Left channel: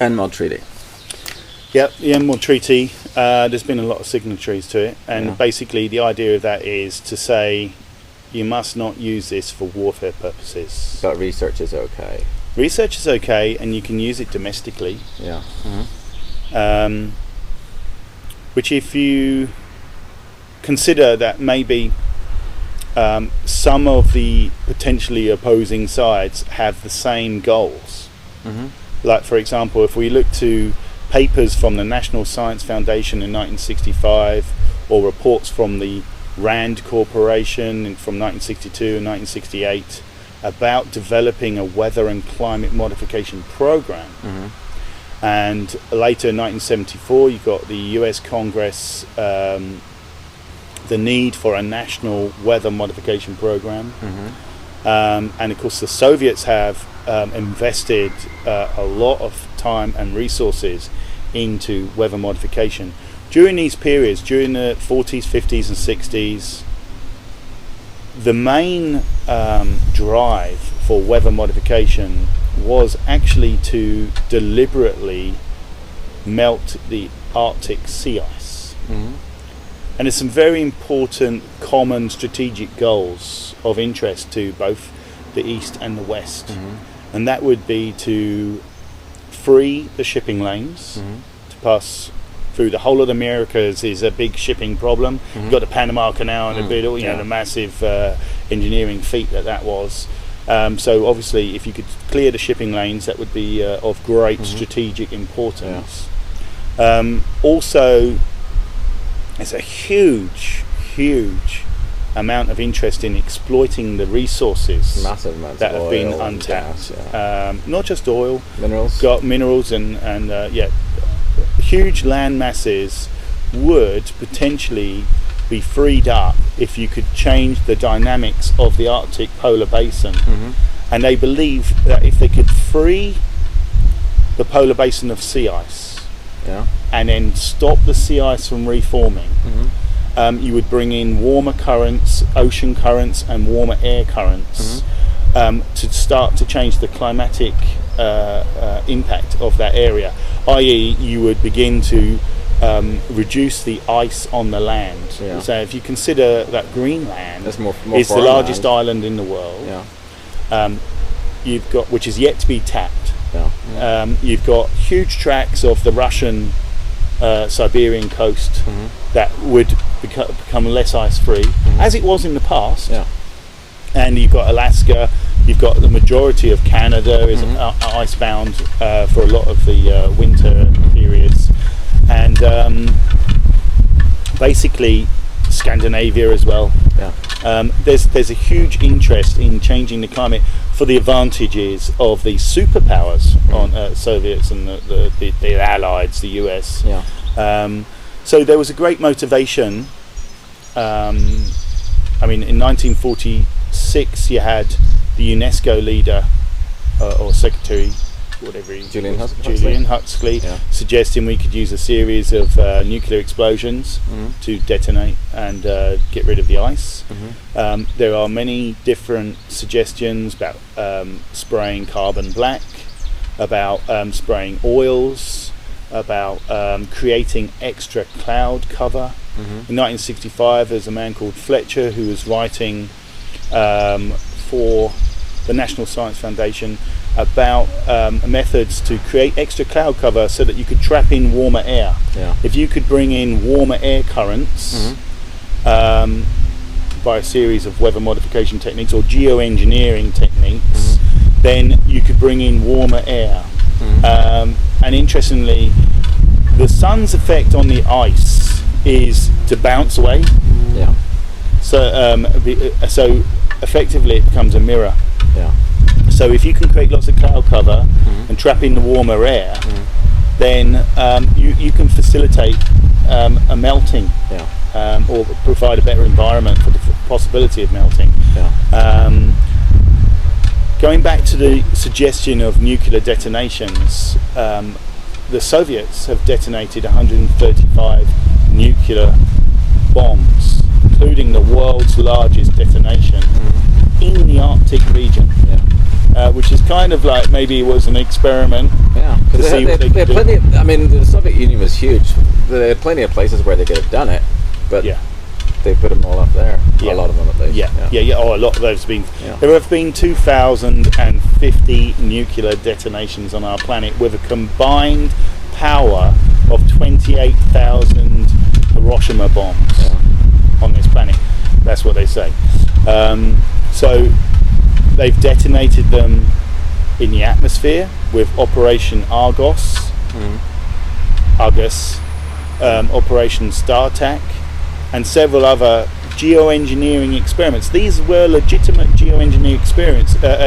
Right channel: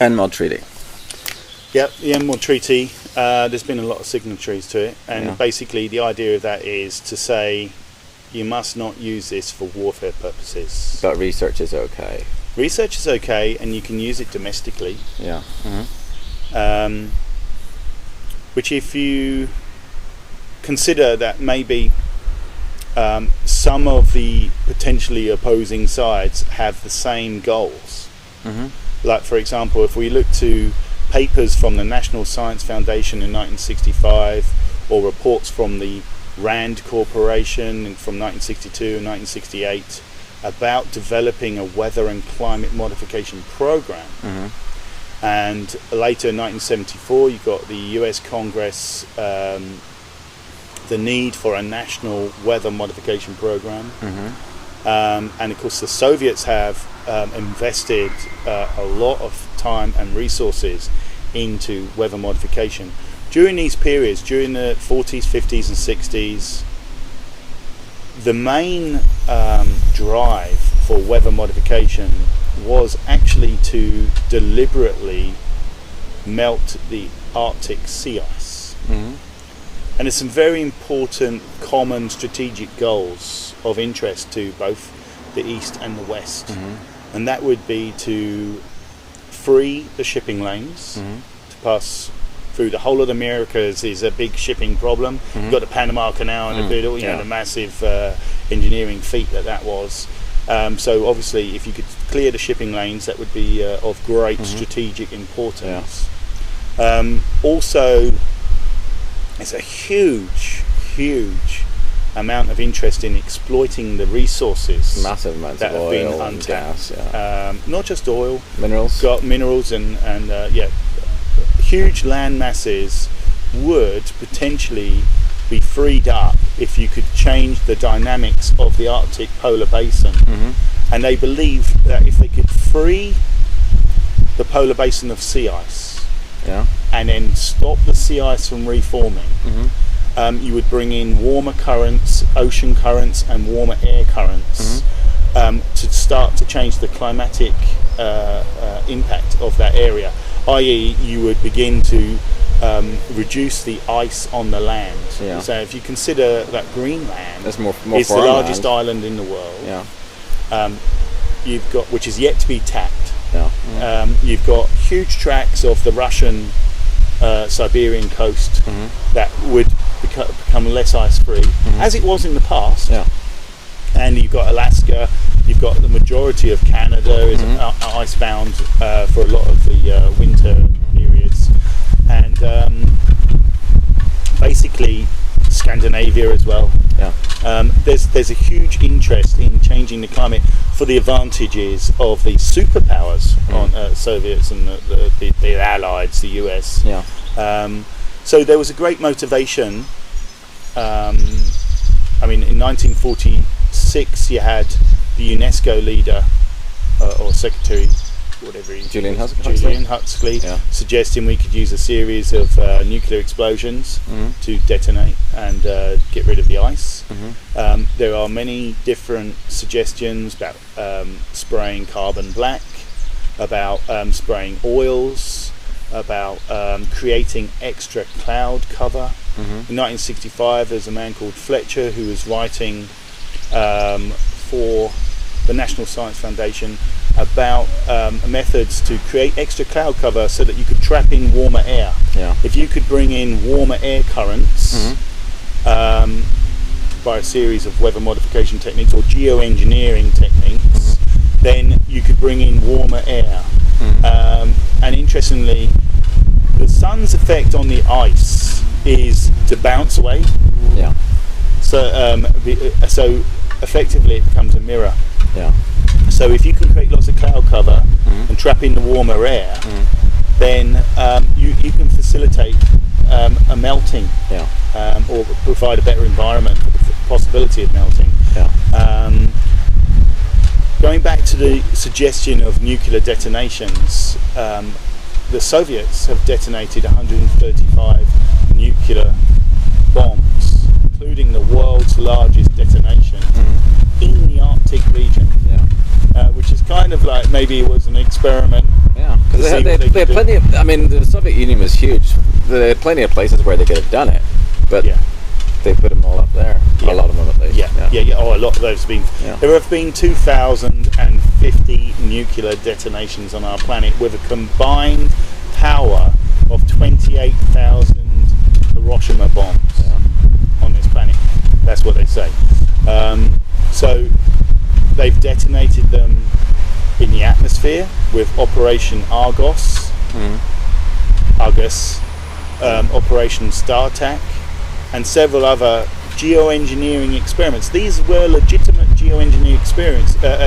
NMOD treaty. Yep, the NMOD treaty. There's been a lot of signatories to it, and basically the idea of that is to say you must not use this for warfare purposes. But research is okay. Research is okay, and you can use it domestically. Yeah. Which, if you consider that maybe some of the potentially opposing sides have the same goals. Like, for example, if we look to papers from the National Science Foundation in 1965, or reports from the RAND Corporation from 1962 and 1968 about developing a weather and climate modification program. And later in 1974 you got the US Congress, the need for a national weather modification program. And of course the Soviets have invested a lot of time and resources into weather modification. During these periods, during the 40s, 50s and 60s, the main drive for weather modification was actually to deliberately melt the Arctic sea ice. And there's some very important common strategic goals of interest to both the East and the West. And that would be to free the shipping lanes to pass through the whole of the Americas. Is a big shipping problem. You've got the Panama Canal and the massive engineering feat that was. So obviously if you could clear the shipping lanes, that would be of great strategic importance. Also, it's a huge amount of interest in exploiting the resources Massive amounts that of have been oil and untapped. gas, Not just oil, minerals. got minerals and huge land masses would potentially be freed up if you could change the dynamics of the Arctic polar basin. And they believe that if they could free the polar basin of sea ice and then stop the sea ice from reforming, you would bring in warmer currents, ocean currents and warmer air currents to start to change the climatic impact of that area, i.e. you would begin to reduce the ice on the land. So if you consider that Greenland is the largest island in the world, you've got, which is yet to be tapped, you've got huge tracts of the Russian Siberian coast that would become less ice free, as it was in the past. And you've got Alaska, you've got the majority of Canada is icebound for a lot of the winter periods, and basically Scandinavia as well. There's a huge interest in changing the climate for the advantages of the superpowers on Soviets and the Allies, the US. So there was a great motivation. I mean, in 1946 you had the UNESCO leader or secretary, whatever he Julian Huxley suggesting we could use a series of nuclear explosions to detonate and get rid of the ice. There are many different suggestions about spraying carbon black, about spraying oils, about creating extra cloud cover. In 1965 there's a man called Fletcher who was writing for the National Science Foundation about methods to create extra cloud cover so that you could trap in warmer air. If you could bring in warmer air currents by a series of weather modification techniques or geoengineering techniques, then you could bring in warmer air. And interestingly, the sun's effect on the ice is to bounce away. So effectively it becomes a mirror. So if you can create lots of cloud cover and trap in the warmer air, then you can facilitate a melting, or provide a better environment for the possibility of melting. Going back to the suggestion of nuclear detonations, the Soviets have detonated 135 nuclear bombs, including the world's largest detonation in the Arctic region, which is kind of like maybe it was an experiment Yeah, because they had plenty of, I mean, the Soviet Union was huge. There had plenty of places where they could have done it, but they put them all up there. A lot of them at least. Yeah. Oh, a lot of those have been. Yeah. There have been 2,050 nuclear detonations on our planet with a combined power of 28,000 Hiroshima bombs on this planet. That's what they say. So they've detonated them in the atmosphere with Operation Argus, Operation StarTAC, and several other geoengineering experiments. These were legitimate geoengineering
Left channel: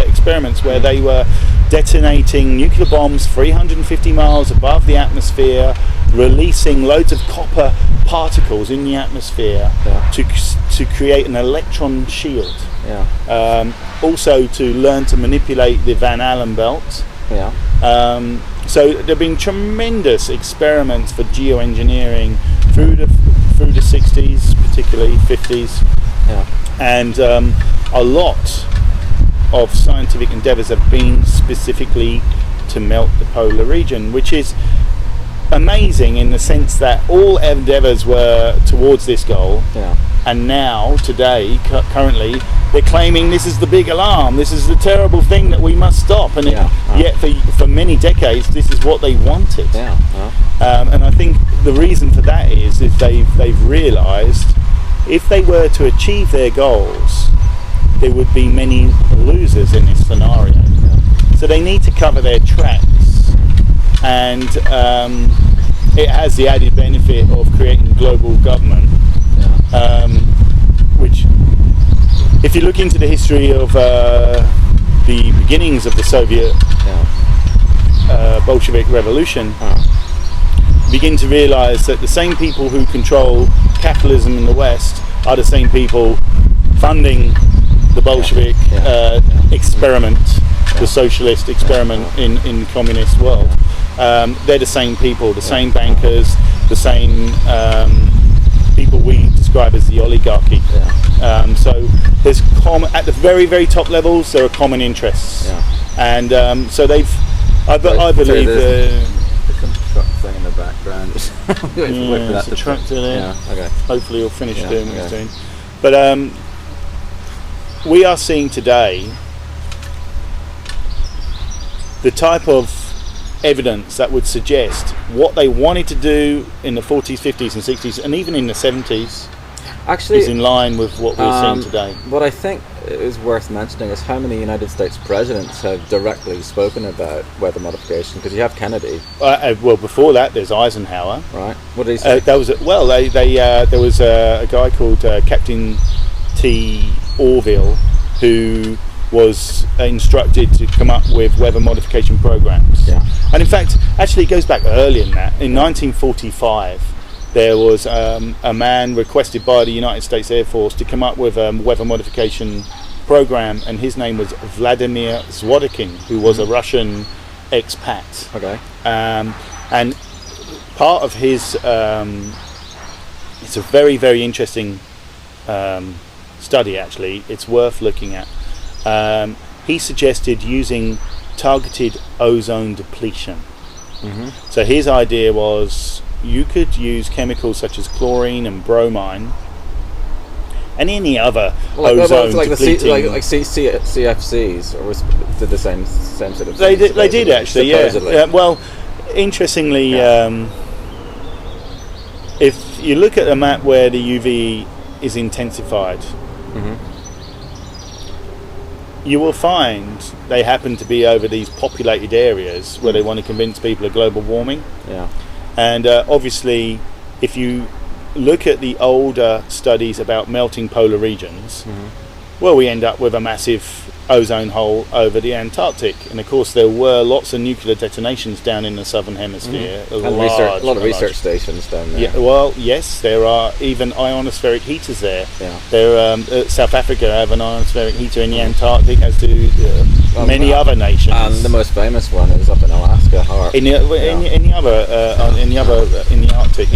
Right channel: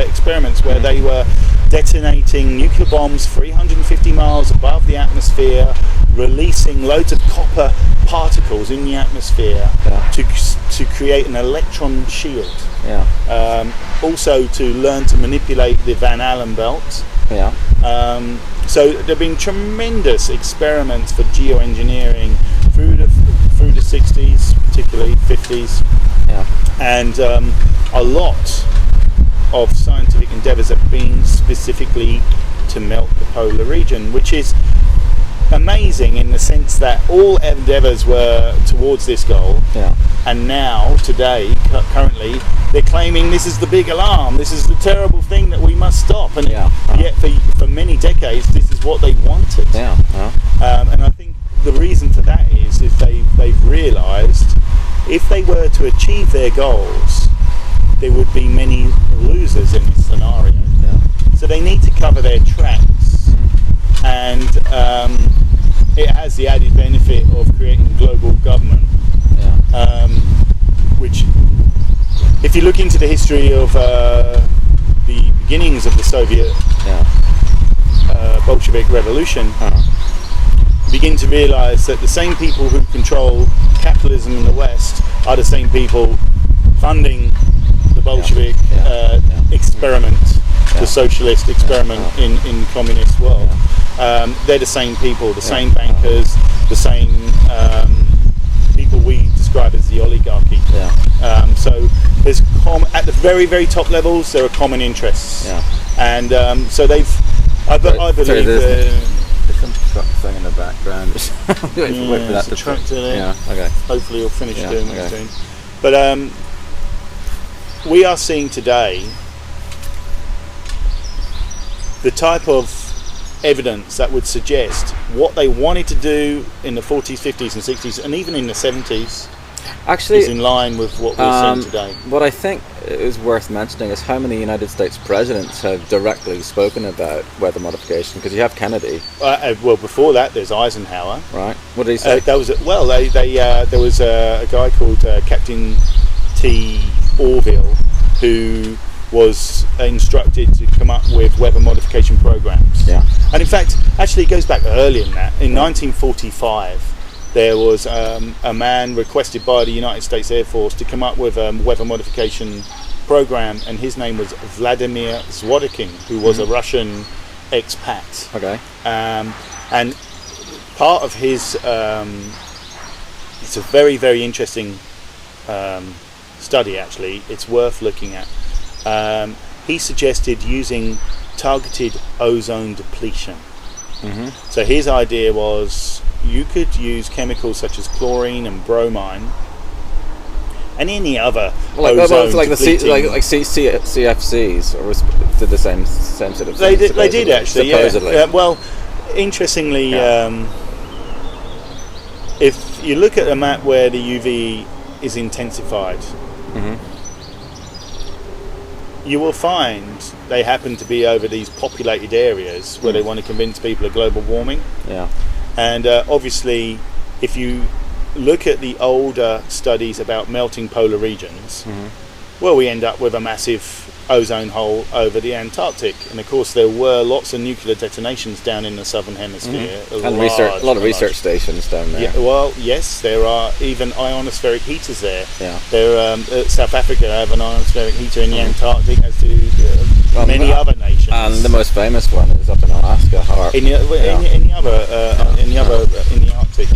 experiments where they were detonating nuclear bombs 350 miles above the atmosphere, releasing loads of copper particles in the atmosphere to create an electron shield. Also to learn to manipulate the Van Allen belt. So there have been tremendous experiments for geoengineering through the 60s, particularly 50s, and a lot of scientific endeavours have been specifically to melt the polar region, which is amazing in the sense that all endeavours were towards this goal, and now today currently they're claiming this is the big alarm, this is the terrible thing that we must stop, and yet for many decades this is what they wanted. And I think the reason for that is they've realised if they were to achieve their goals, there would be many losers in this scenario. So they need to cover their tracks, and it has the added benefit of creating global government, which, if you look into the history of the beginnings of the Soviet Bolshevik Revolution, you begin to realise that the same people who control capitalism in the West are the same people funding the Bolshevik experiment, the socialist experiment in communist world. They're the same people, the same bankers, the same people we describe as the oligarchy. So there's at the very, very top levels there are common interests, and so I believe there's some truck thing in the background. It's a tractor there. Hopefully you'll finish doing what it's doing. But we are seeing today the type of evidence that would suggest what they wanted to do in the 40s, 50s and 60s and even in the 70s is in line with what we're seeing today. What I think is worth mentioning is how many United States presidents have directly spoken about weather modification, because you have Kennedy. Well, before that there's Eisenhower. Right. What did he say? There was a guy called Captain T. Orville who was instructed to come up with weather modification programs. And in fact, actually it goes back earlier than that. In 1945 there was a man requested by the United States Air Force to come up with a weather modification program, and his name was Vladimir Zworykin, who was a Russian expat. And part of his it's a very, very interesting study actually, it's worth looking at. He suggested using targeted ozone depletion. So his idea was you could use chemicals such as chlorine and bromine and any other ozone depleting. Like CFCs, or did the same sort of thing? They did actually, supposedly. Well, interestingly, if you look at a map where the UV is intensified, you will find they happen to be over these populated areas where they want to convince people of global warming. And obviously, if you look at the older studies about melting polar regions, well, we end up with a massive ozone hole over the Antarctic. And of course, there were lots of nuclear detonations down in the southern hemisphere. And a lot of research stations down there. Well, yes, there are even ionospheric heaters there. South Africa have an ionospheric heater in the Antarctic, as do many other nations. And the most famous one is up in Alaska, in the Arctic.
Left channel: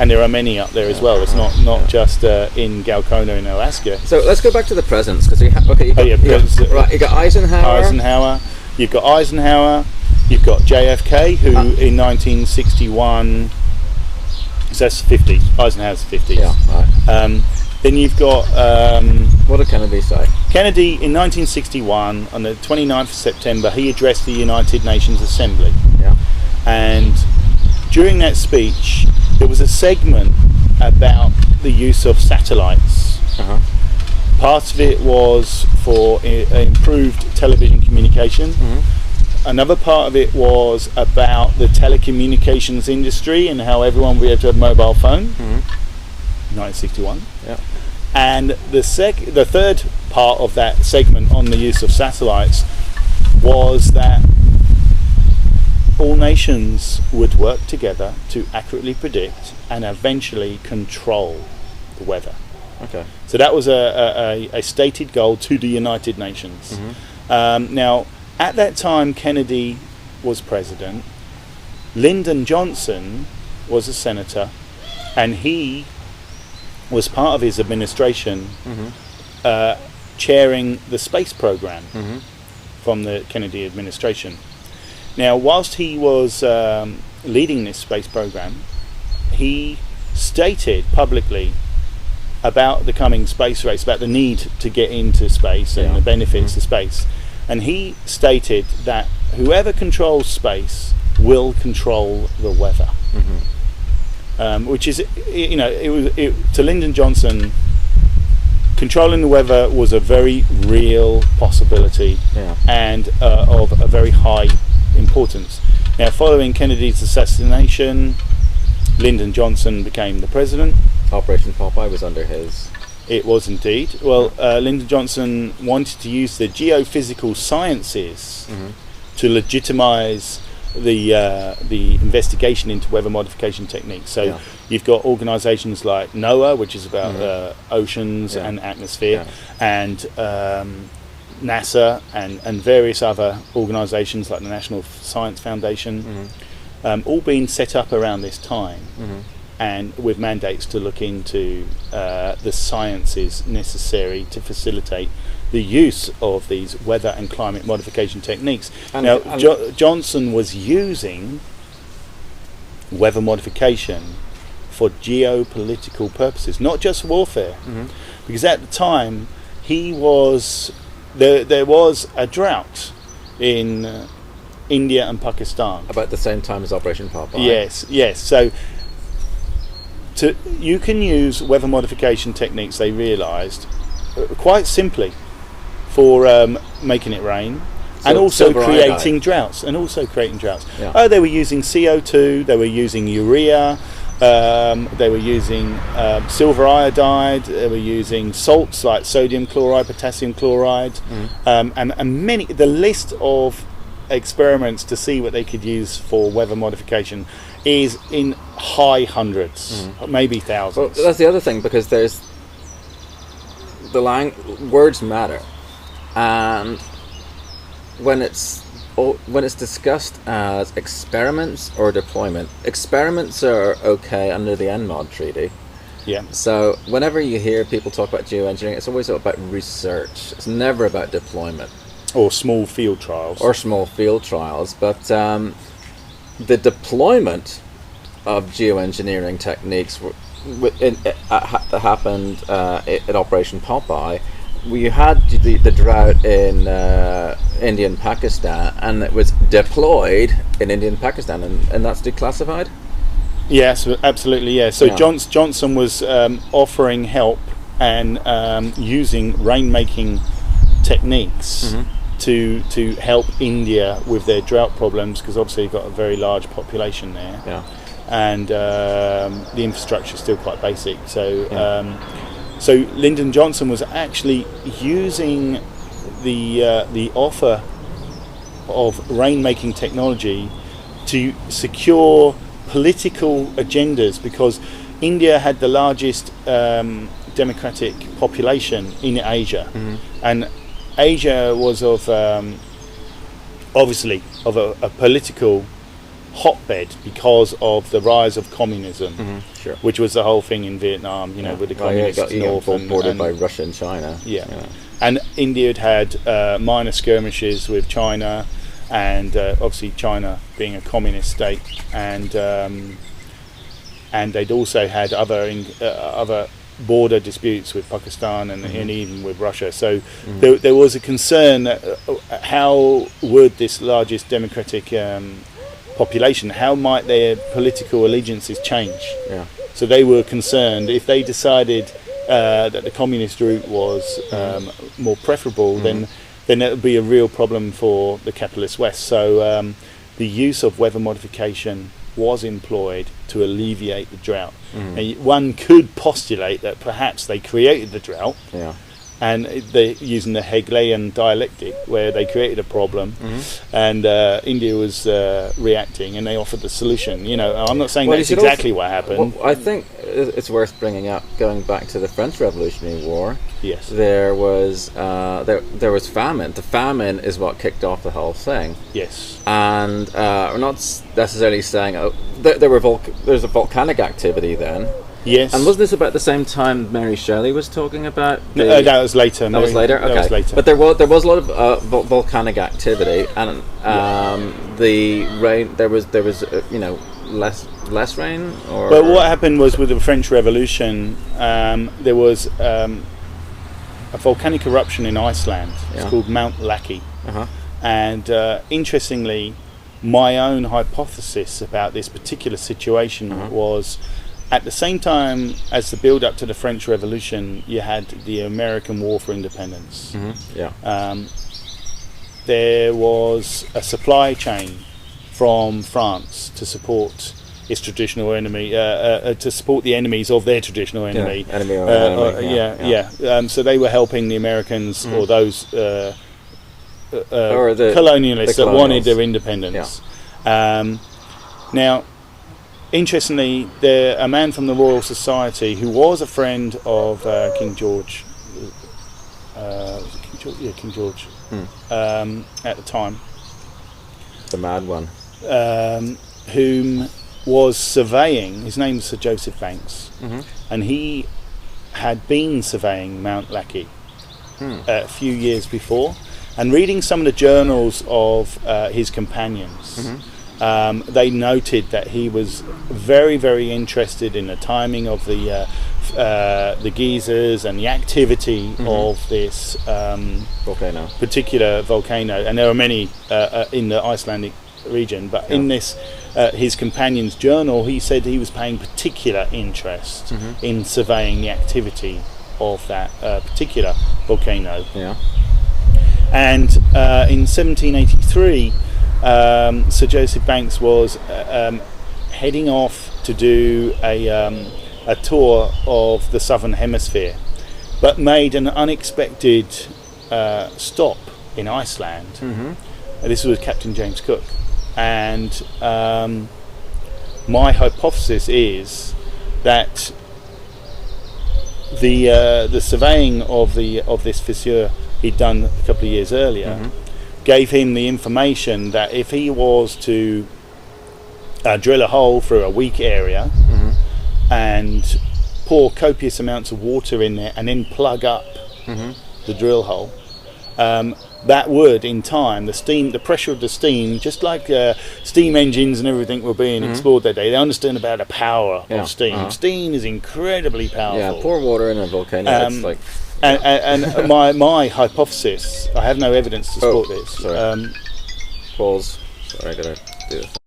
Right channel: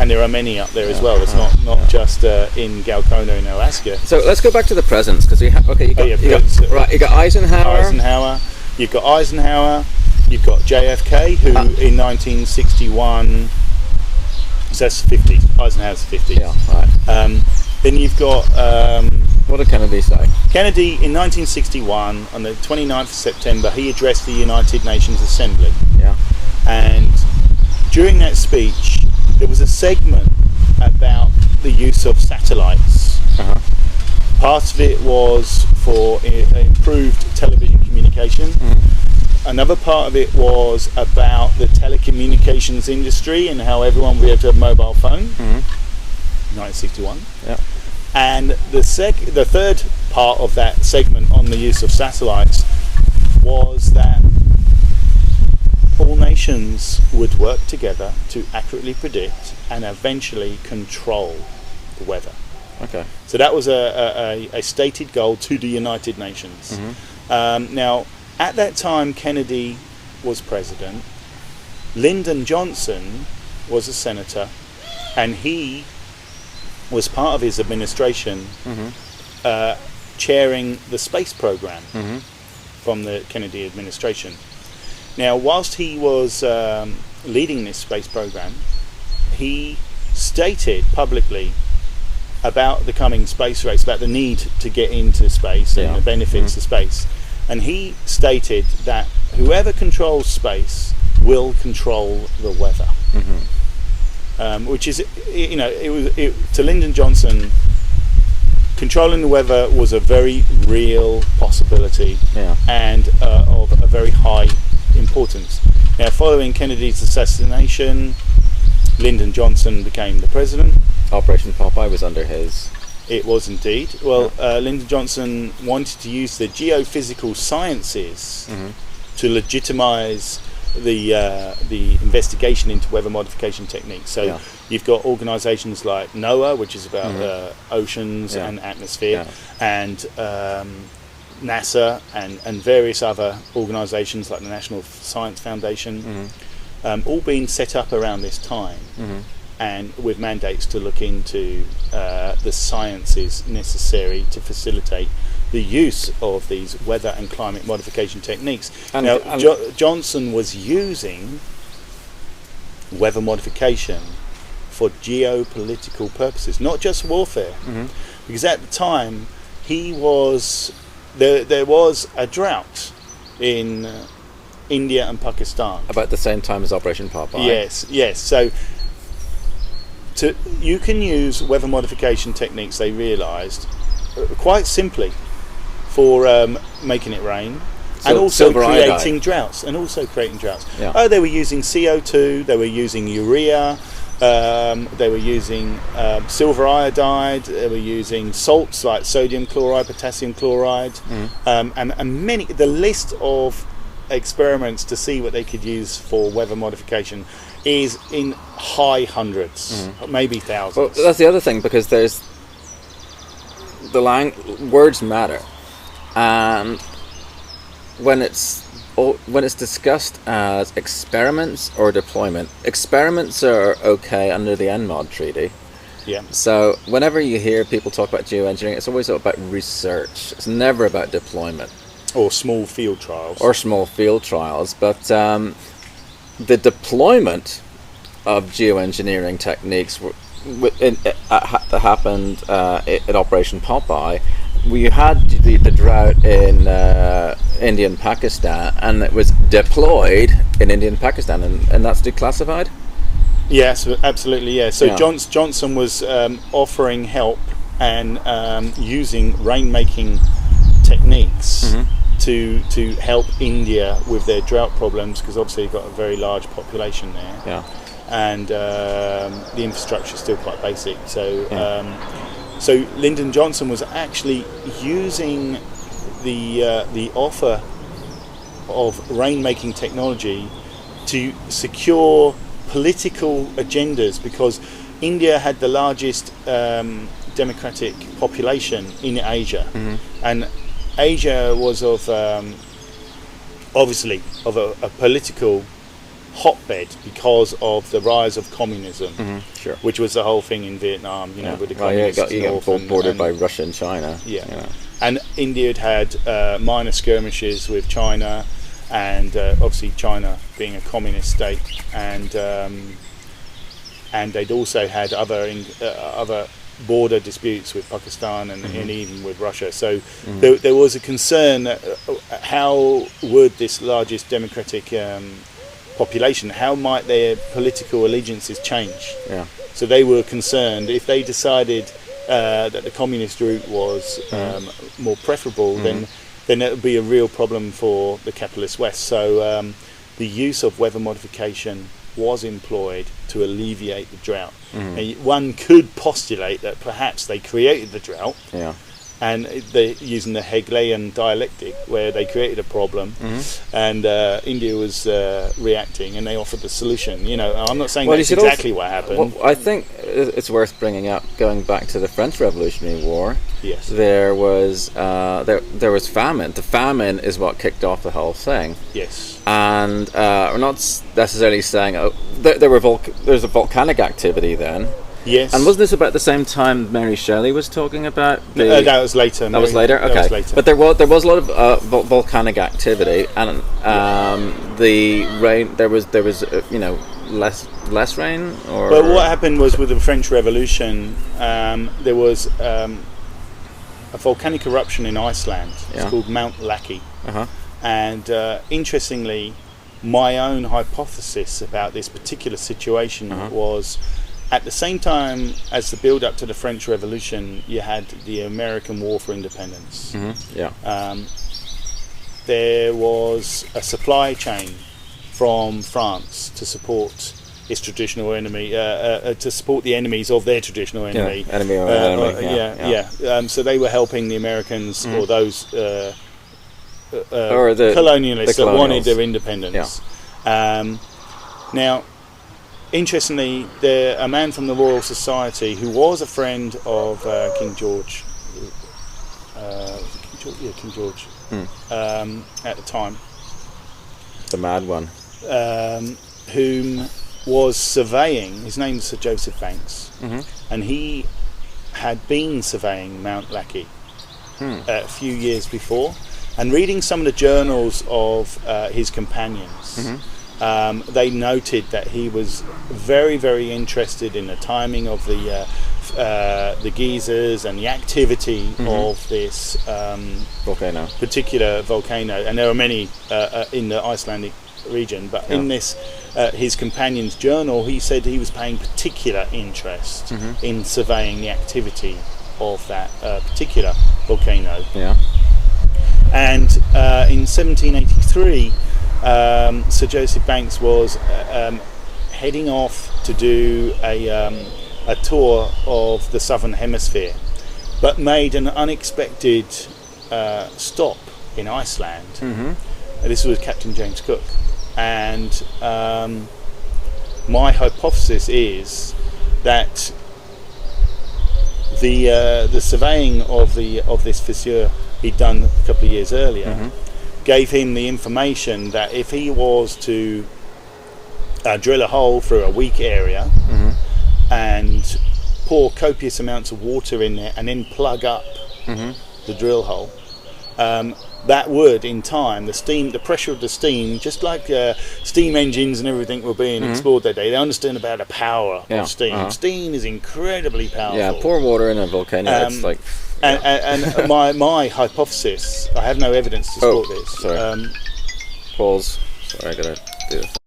And there are many up there as well. It's not just in Galcona in Alaska. So let's go back to the presents, because you got Eisenhower. You've got Eisenhower. You've got JFK, who in 1961, so that's 50. Eisenhower's 50. Yeah, right. Then you've got what did Kennedy say? Kennedy in 1961, on the 29th of September, he addressed the United Nations Assembly. Yeah. And during that speech, there was a segment about the use of satellites. Uh-huh. Part of it was for improved television communication. Mm-hmm. Another part of it was about the telecommunications industry and how everyone would be able to have a mobile phone. Mm-hmm. 1961. Yeah. And the third part of that segment on the use of satellites was that all nations would work together to accurately predict and eventually control the weather. Okay. So that was a stated goal to the United Nations. Mm-hmm. Now, at that time, Kennedy was president. Lyndon Johnson was a senator, and he was part of his administration chairing the space program from the Kennedy administration. Now, whilst he was leading this space program, he stated publicly about the coming space race, about the need to get into space and the benefits of space. And he stated that whoever controls space will control the weather. Which is, you know, to Lyndon Johnson, controlling the weather was a very real possibility and of a very high importance. Now, following Kennedy's assassination, Lyndon Johnson became the president. Operation Popeye was under his. It was indeed. Well, Lyndon Johnson wanted to use the geophysical sciences to legitimize the investigation into weather modification techniques. So you've got organisations like NOAA, which is about oceans and atmosphere, and NASA and various other organisations like the National Science Foundation, all being set up around this time. And with mandates to look into the sciences necessary to facilitate the use of these weather and climate modification techniques. Now, Johnson was using weather modification for geopolitical purposes, not just warfare, because at the time he was there was a drought in India and Pakistan About the same time as Operation Popeye. Yes. So you can use weather modification techniques, they realised, quite simply for making it rain and also creating droughts. Yeah. They were using CO2, they were using urea, they were using silver iodide, they were using salts like sodium chloride, potassium chloride, and many. The list of experiments to see what they could use for weather modification is in high hundreds, maybe thousands. Well, that's the other thing, because there's words matter, and when it's discussed as experiments or deployment, experiments are okay under the NMOD treaty. Yeah. So whenever you hear people talk about geoengineering, it's always about research. It's never about deployment. Or small field trials. But the deployment of geoengineering techniques that happened at Operation Popeye, we had the drought in India and Pakistan, and it was deployed in India and Pakistan, and that's declassified? Yes, absolutely, yeah. So Johnson was offering help and using rainmaking techniques to help India with their drought problems, because obviously you've got a very large population there. Yeah. And the infrastructure is still quite basic. So so Lyndon Johnson was actually using the offer of rainmaking technology to secure political agendas, because India had the largest democratic population in Asia, and Asia was of obviously of a political hotbed because of the rise of communism, which was the whole thing in Vietnam, with the communists north and bordered by Russia and China. And India had minor skirmishes with China, and obviously China being a communist state, and they'd also had other border disputes with Pakistan and even with Russia. So there was a concern that, how would this largest democratic population, how might their political allegiances change? Yeah. So they were concerned if they decided that the communist route was more preferable, then it would be a real problem for the capitalist West. So the use of weather modification was employed to alleviate the drought. And one could postulate that perhaps they created the drought, and they using the Hegelian dialectic, where they created a problem, and India was reacting, and they offered the solution. You know, I'm not saying that's exactly what happened. Well, I think it's worth bringing up, going back to the French Revolutionary War. Yes, there was there was famine. The famine is what kicked off the whole thing. Yes, and we're not necessarily saying there's a volcanic activity then. Yes. And wasn't this about the same time Mary Shelley was talking about? That was later. That was later? Okay. That was later. But there was a lot of volcanic activity, and the rain, there was less rain? Or? Well, what happened was, with the French Revolution, there was a volcanic eruption in Iceland. It's called Mount Laki. And interestingly, my own hypothesis about this particular situation was, at the same time as the build-up to the French Revolution, you had the American War for Independence. There was a supply chain from France to support its traditional enemy, to support the enemies of their traditional enemy. So they were helping the Americans, or those colonialists that wanted their independence. Now, interestingly, a man from the Royal Society, who was a friend of King George, King George, at the time, the mad one, whom was surveying. His name was Sir Joseph Banks, and he had been surveying Mount Laki a few years before, and reading some of the journals of his companions. They noted that he was very, very interested in the timing of the geysers and the activity of this particular volcano. And there are many in the Icelandic region, but in this, his companion's journal, he said he was paying particular interest in surveying the activity of that particular volcano. And in 1783, Sir Joseph Banks was heading off to do a tour of the southern hemisphere, but made an unexpected stop in Iceland. This was Captain James Cook, and my hypothesis is that the surveying of this fissure he'd done a couple of years earlier gave him the information that if he was to drill a hole through a weak area and pour copious amounts of water in there and then plug up the drill hole, that would, in time, the pressure of the steam, just like steam engines and everything were being explored that day, they understand about the power of steam. Steam is incredibly powerful. Yeah, pour water in a volcano, it's like... And my hypothesis, I have no evidence to support this. Sorry. Pause. Sorry, I gotta do this.